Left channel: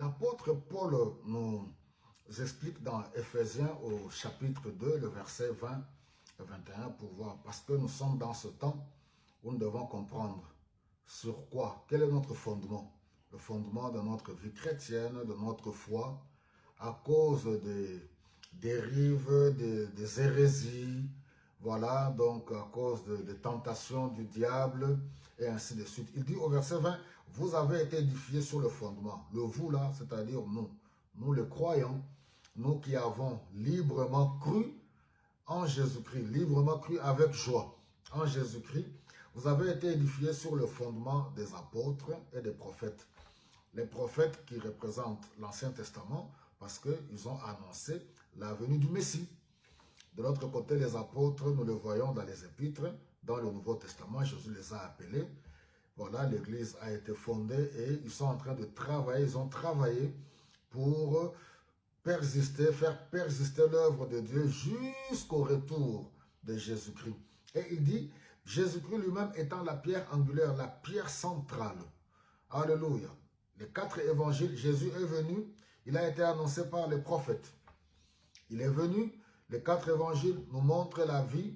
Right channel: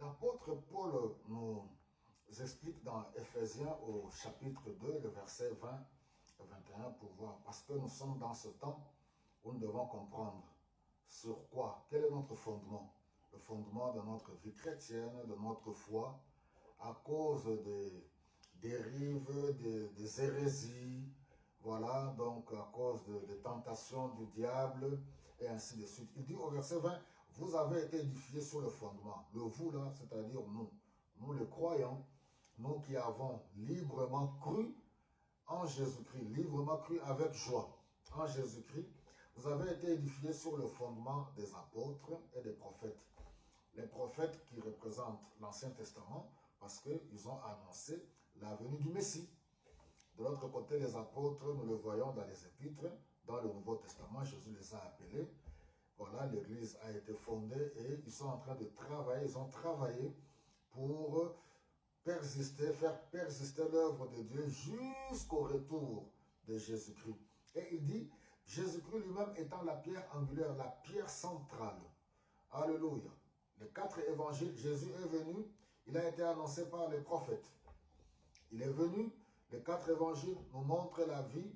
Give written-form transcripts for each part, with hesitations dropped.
L'apôtre Paul nous explique dans Éphésiens au chapitre 2, le verset 20 et 21 pour voir. Parce que nous sommes dans ce temps où nous devons comprendre sur quoi, quel est notre fondement. Le fondement de notre vie chrétienne, de notre foi, à cause des dérives, des hérésies, voilà, donc à cause des tentations du diable, et ainsi de suite. Il dit au verset 20, vous avez été édifiés sur le fondement. Le vous là, c'est-à-dire nous les croyants, nous qui avons librement cru en Jésus-Christ, librement cru avec joie en Jésus-Christ, vous avez été édifiés sur le fondement des apôtres et des prophètes. Les prophètes qui représentent l'Ancien Testament parce qu'ils ont annoncé la venue du Messie. De l'autre côté, les apôtres, nous le voyons dans les épîtres, dans le Nouveau Testament, Jésus les a appelés. Voilà, l'Église a été fondée et ils sont en train de travailler, ils ont travaillé pour persister, faire persister l'œuvre de Dieu jusqu'au retour de Jésus-Christ. Et il dit, Jésus-Christ lui-même étant la pierre angulaire, la pierre centrale. Alléluia. Les 4 évangiles, Jésus est venu, il a été annoncé par les prophètes. Il est venu, les 4 évangiles nous montrent la vie,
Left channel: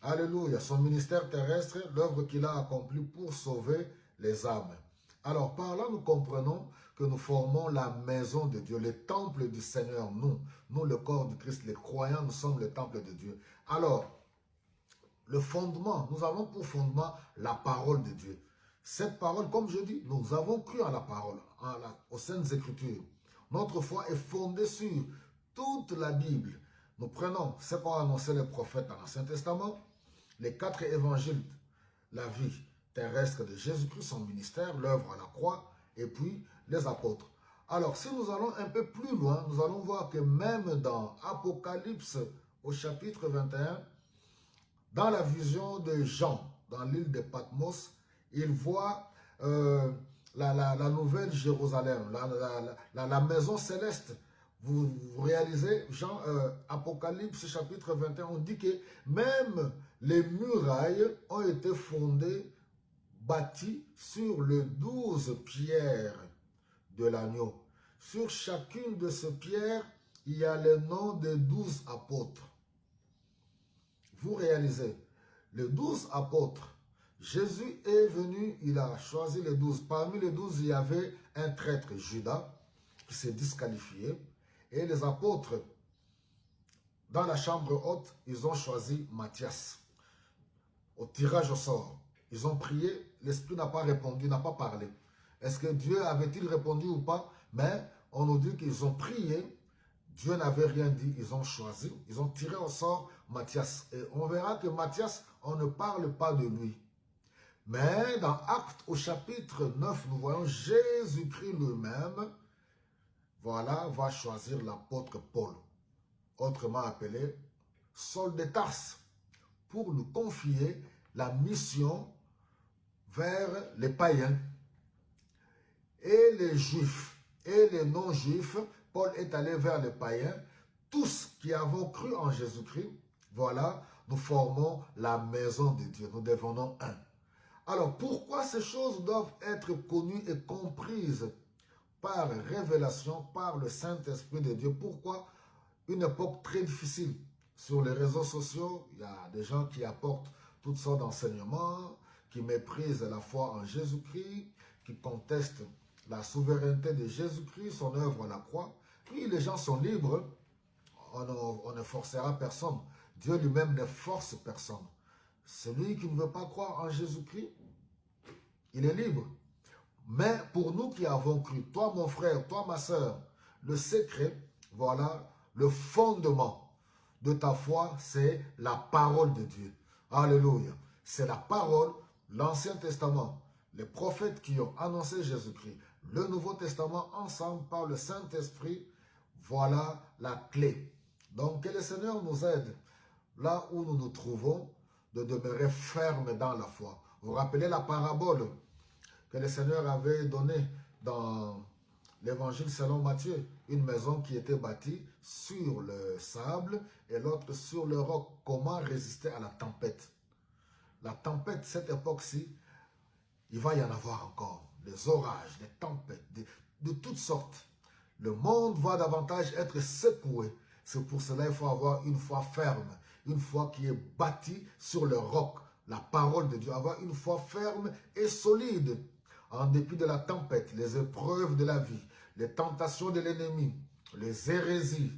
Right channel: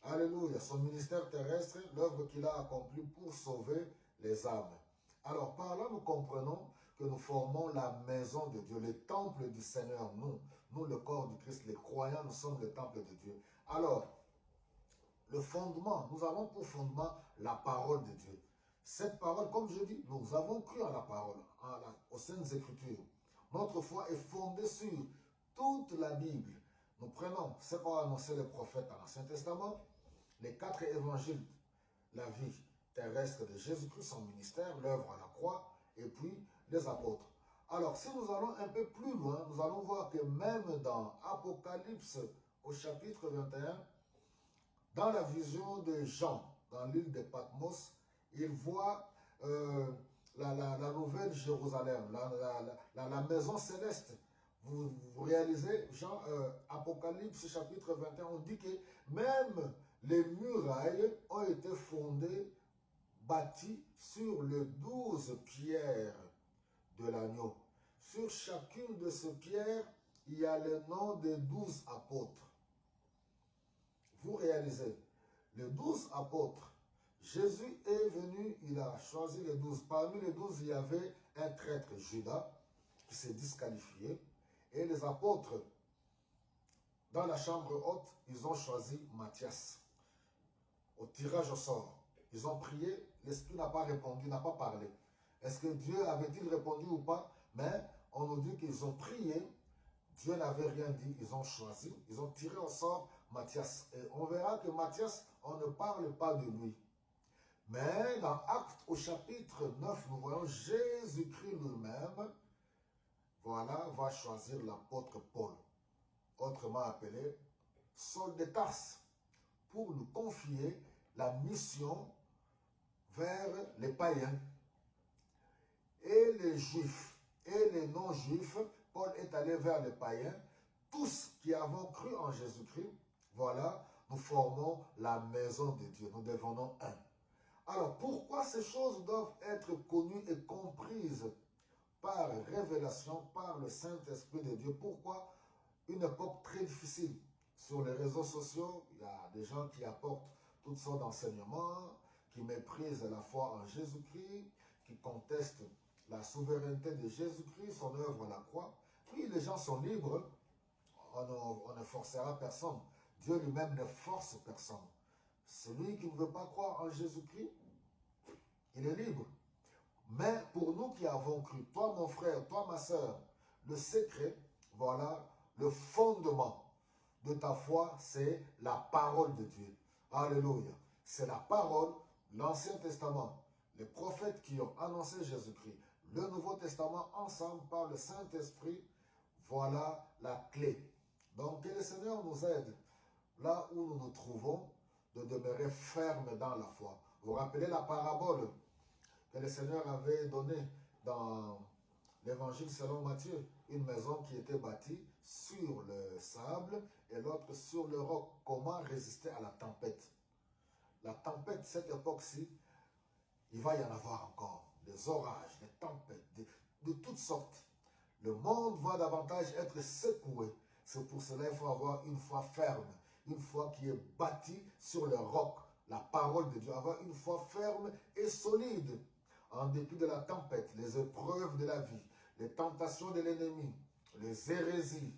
alléluia, son ministère terrestre, l'œuvre qu'il a accomplie pour sauver les âmes. Alors, par là, nous comprenons que nous formons la maison de Dieu, le temple du Seigneur, nous, le corps du Christ, les croyants, nous sommes le temple de Dieu. Alors, le fondement, nous avons pour fondement la parole de Dieu. Cette parole, comme je dis, nous avons cru à la parole, aux Saintes Écritures. Notre foi est fondée sur toute la Bible. Nous prenons ce qu'ont annoncé les prophètes dans l'Ancien Testament, les 4 évangiles, la vie terrestre de Jésus-Christ, son ministère, l'œuvre à la croix, et puis les apôtres. Alors, si nous allons un peu plus loin, nous allons voir que même dans Apocalypse, au chapitre 21, dans la vision de Jean, dans l'île de Patmos, il voit la nouvelle Jérusalem, la maison céleste. Vous réalisez, Jean, Apocalypse chapitre 21, on dit que même les murailles ont été fondées, bâties sur les 12 pierres de l'agneau. Sur chacune de ces pierres, il y a le nom des 12 apôtres. Vous réalisez, les 12 apôtres, Jésus est venu, il a choisi les 12. Parmi les 12, il y avait un traître, Judas, qui s'est disqualifié. Et les apôtres, dans la chambre haute, ils ont choisi Matthias. Au tirage au sort, ils ont prié, l'Esprit n'a pas répondu, n'a pas parlé. Est-ce que Dieu avait-il répondu ou pas? Mais on nous dit qu'ils ont prié, Dieu n'avait rien dit, ils ont choisi, ils ont tiré au sort Matthias. Et on verra que Matthias, on ne parle pas de lui. Mais dans Actes au chapitre 9, nous voyons Jésus-Christ lui-même, voilà, va choisir l'apôtre Paul, autrement appelé Saul de Tarse, pour nous confier la mission vers les païens et les juifs et les non-juifs. Paul est allé vers les païens, tous qui avons cru en Jésus-Christ. Voilà, nous formons la maison de Dieu, nous devenons un. Alors, pourquoi ces choses doivent être connues et comprises par révélation, par le Saint-Esprit de Dieu? Pourquoi une époque très difficile? Sur les réseaux sociaux, il y a des gens qui apportent toutes sortes d'enseignements, qui méprisent la foi en Jésus-Christ, qui contestent la souveraineté de Jésus-Christ, son œuvre à la croix. Oui, les gens sont libres, on ne forcera personne. Dieu lui-même ne force personne. Celui qui ne veut pas croire en Jésus-Christ, il est libre. Mais pour nous qui avons cru, toi mon frère, toi ma soeur, le secret, voilà, le fondement de ta foi, c'est la parole de Dieu. Alléluia. C'est la parole, l'Ancien Testament, les prophètes qui ont annoncé Jésus-Christ, le Nouveau Testament, ensemble par le Saint-Esprit, voilà la clé. Donc que le Seigneur nous aide, là où nous nous trouvons, de demeurer fermes dans la foi. Vous vous rappelez la parabole que le Seigneur avait donnée dans l'évangile selon Matthieu, une maison qui était bâtie sur le sable et l'autre sur le roc. Comment résister à la tempête? La tempête, cette époque-ci, il va y en avoir encore. Des orages, des tempêtes, de toutes sortes. Le monde va davantage être secoué. C'est pour cela qu'il faut avoir une foi ferme, une foi qui est bâtie sur le roc, la parole de Dieu. Avoir une foi ferme et solide, en dépit de la tempête, les épreuves de la vie, les tentations de l'ennemi, les hérésies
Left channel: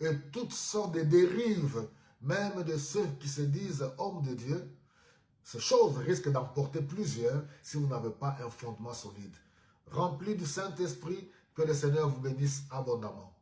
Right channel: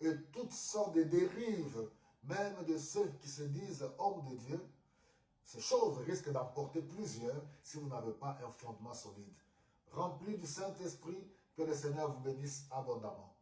et toutes sortes de dérives, même de ceux qui se disent hommes de Dieu. Ces choses risquent d'emporter plusieurs si vous n'avez pas un fondement solide. Rempli du Saint-Esprit, que le Seigneur vous bénisse abondamment.